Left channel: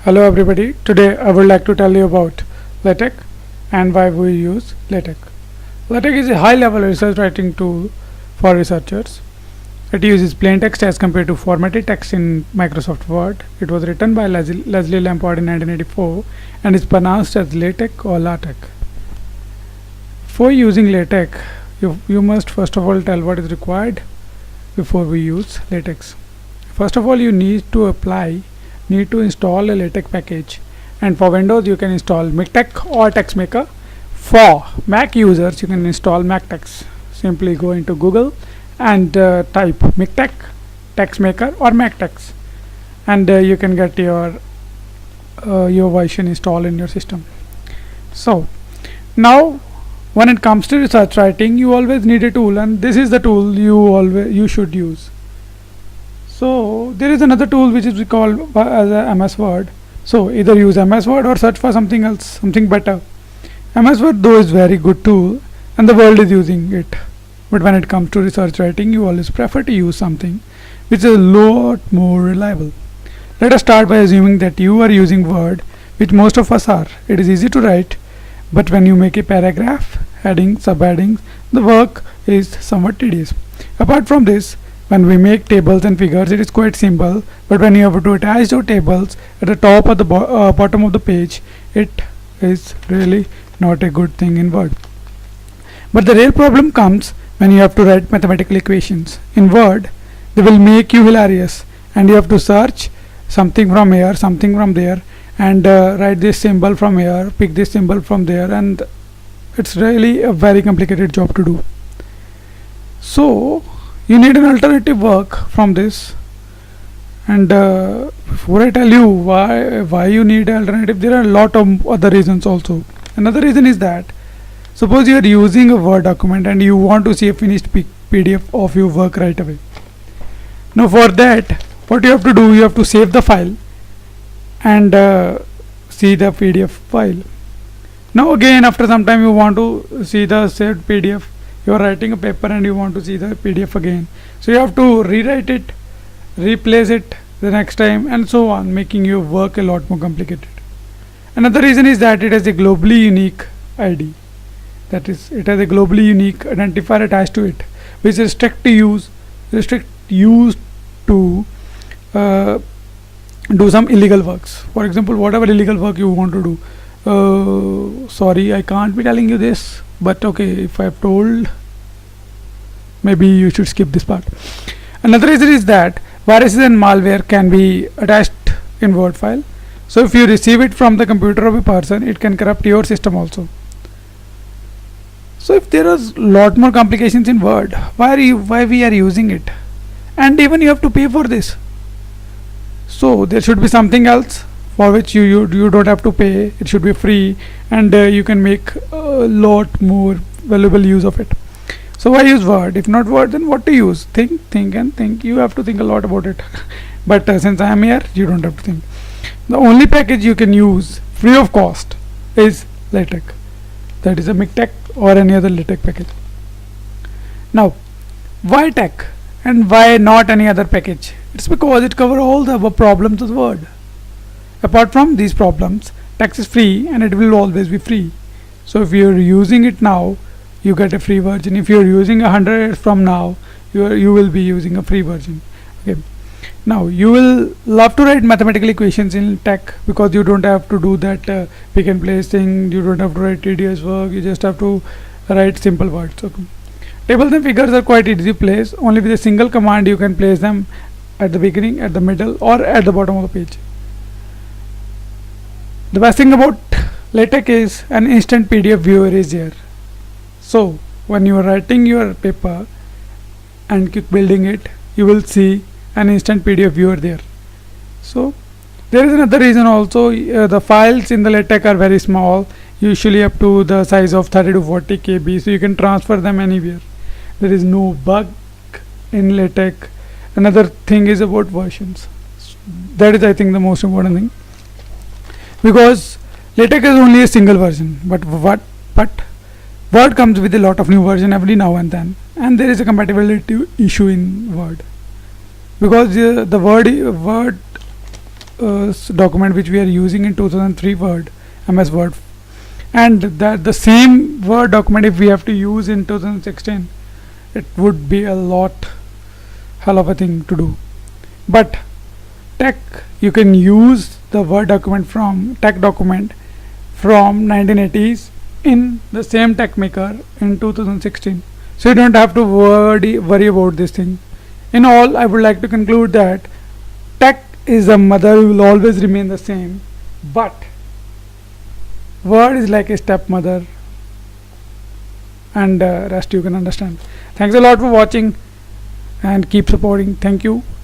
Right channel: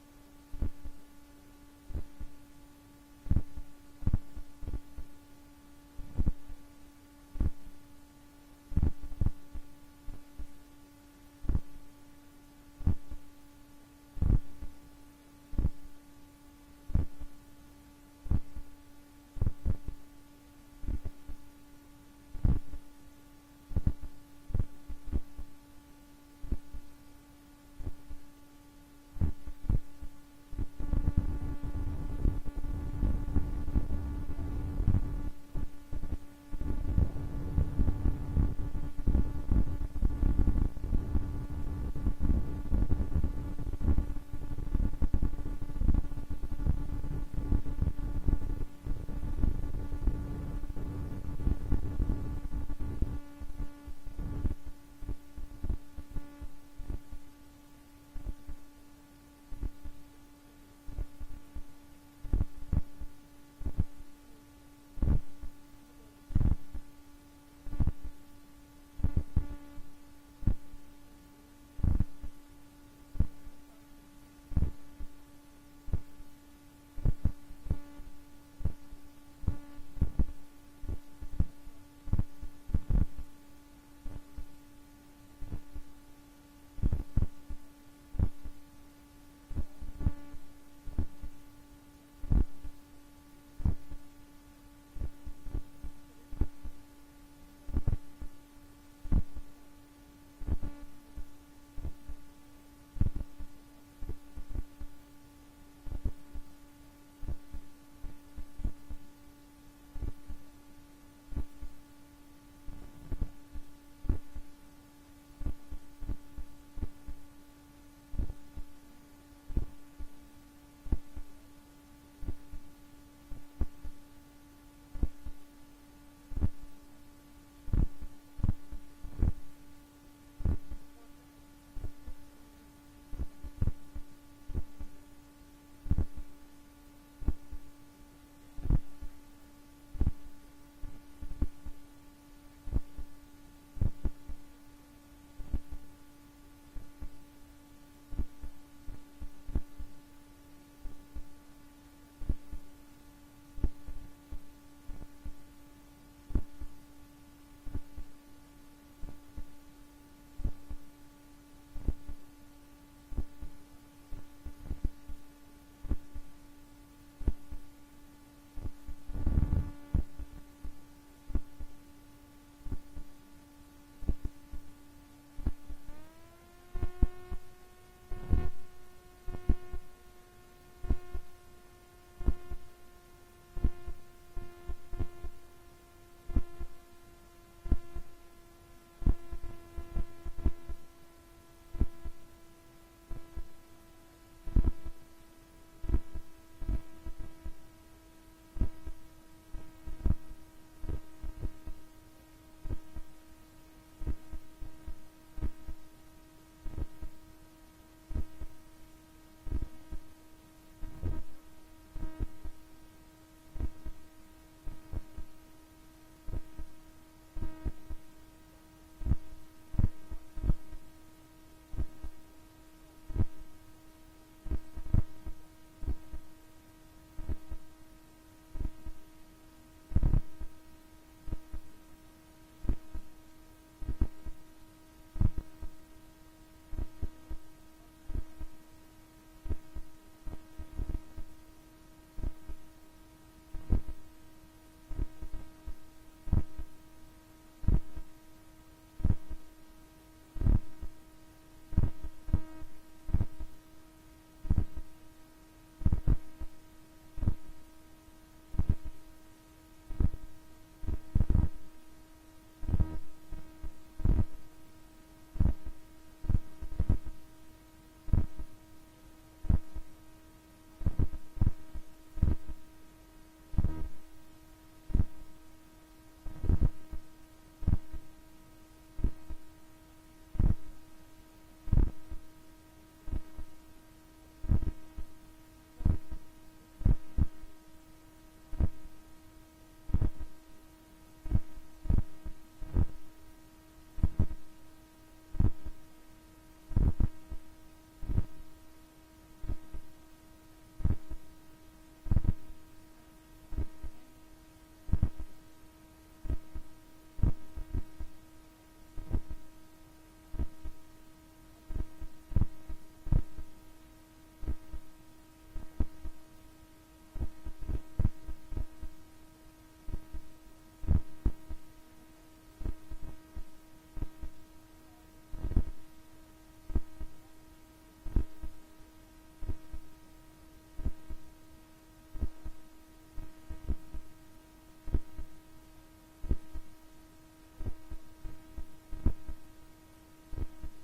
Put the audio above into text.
Hello everybody, today I would like to tell you about Latex and why we use Latex. Latex is a high-level research writing tool for researchers. It uses plain text as compared to formatted text in Microsoft Word. It was written by Leslie Lamport in 1984 and is pronounced as Latex or Latex. For using Latex, you must first of all tell what is required before we use Latex. First of all, you need to install a LaTeX package, and for Windows you can install MikTeX or TextMaker. For Mac users you can install MacTeX. Simply go into Google and type MikTeX, TextMaker or MacTeX, and you can get your version installed in your system. So now when it comes to research writing, you always need a tool, and this is the tool you should use. So there is another tool which is called as a MS-Word. So either use MS-Word or search for something else, something better. MS-Word though is very good tool and the world is using it. But when it comes to research writing, you always prefer to use something which is a lot more reliable. Let us start by assuming that you are using Word, which most of us are. It is easy to write, but when you make a paragraph, headings, subheadings, the work is somewhat tedious. Apart from this, when we make tables and figures, it is quite simple, but when you have to attach your tables at the top or the bottom of the page, it is really not a good thing in Word. But the real problem comes when you have to write mathematical equations. In Word, they will make you hilarious, and you have to search something from here, something from there, and write this symbol from here, pick this symbol from there, and it's really a very complicated job to do. So you need an alternative work from this, and before I tell you why you need an alternative, there are a lot of other reasons also. Another reason is that suppose you are using a Word document and you want to see a finished PDF of your work right away. Now for that, what you have to do, you have to save the file and see the PDF file. Now again, after some time you want to see the saved PDF. You are writing a paper and you want to see the PDF again, so you have to rewrite it, replace it the next time, and so on, making your work a lot more complicated. Another reason is that it has a globally unique ID, that is, it has a globally unique identifier attached to it, which restrict use to do some illegal works. For example, whatever illegal work you want to do. Sorry, I can't be telling you this, but okay, if I have told, maybe you should skip this part. Another reason is that viruses and malware can be attached in Word file. So if you receive it from the computer of a person, it can corrupt your system also. So if there is lot more complications in Word, why we are using it? And even you have to pay for this. So there should be something else for which you don't have to pay. It should be free, and you can make a lot more valuable use of it. So why use Word? If not Word, then what to use? Think and think. You have to think a lot about it. But since I am here, you don't have to think. The only package you can use free of cost is LaTeX. That is a MikTeX or any other LaTeX package. Now, why Tech and why not any other package? It's because it covers all the problems of Word. Apart from these problems, Text is free and it will always be free. So if you're using it now, you get a free version. If you're using 100 years from now, you will be using a free version. Okay. Now you will love to write mathematical equations in Text because you don't have to do that pick and place thing. You don't have to write tedious work. You just have to write simple words. Okay. Tables and figures are quite easy to place. Only with a single command you can place them at the beginning, at the middle, or at the bottom of the page. The best thing about LaTeX is an instant PDF viewer is here. So when you are writing your paper and keep building it, you will see an instant PDF viewer there. So there is another reason also. The files in the LaTeX are very small, usually up to the size of 30 to 40 KB, so you can transfer them anywhere. There is no bug in LaTeX. Another thing is about versions. That is, I think, the most important thing, because LaTeX is only a single version, but Word comes with a lot of new version every now and then, and there is a compatibility issue in Word, because the Word document which we are using in 2003 Word, MS Word, and that the same Word document if we have to use in 2016, it would be a lot hell of a thing to do. But tech, you can use the Word document from tech document from 1980s in the same tech maker in 2016, so you don't have to worry about this thing. In all, I would like to conclude that tech is a mother who will always remain the same, but Word is like a stepmother, and rest you can understand. Thanks a lot for watching and keep supporting. Thank you.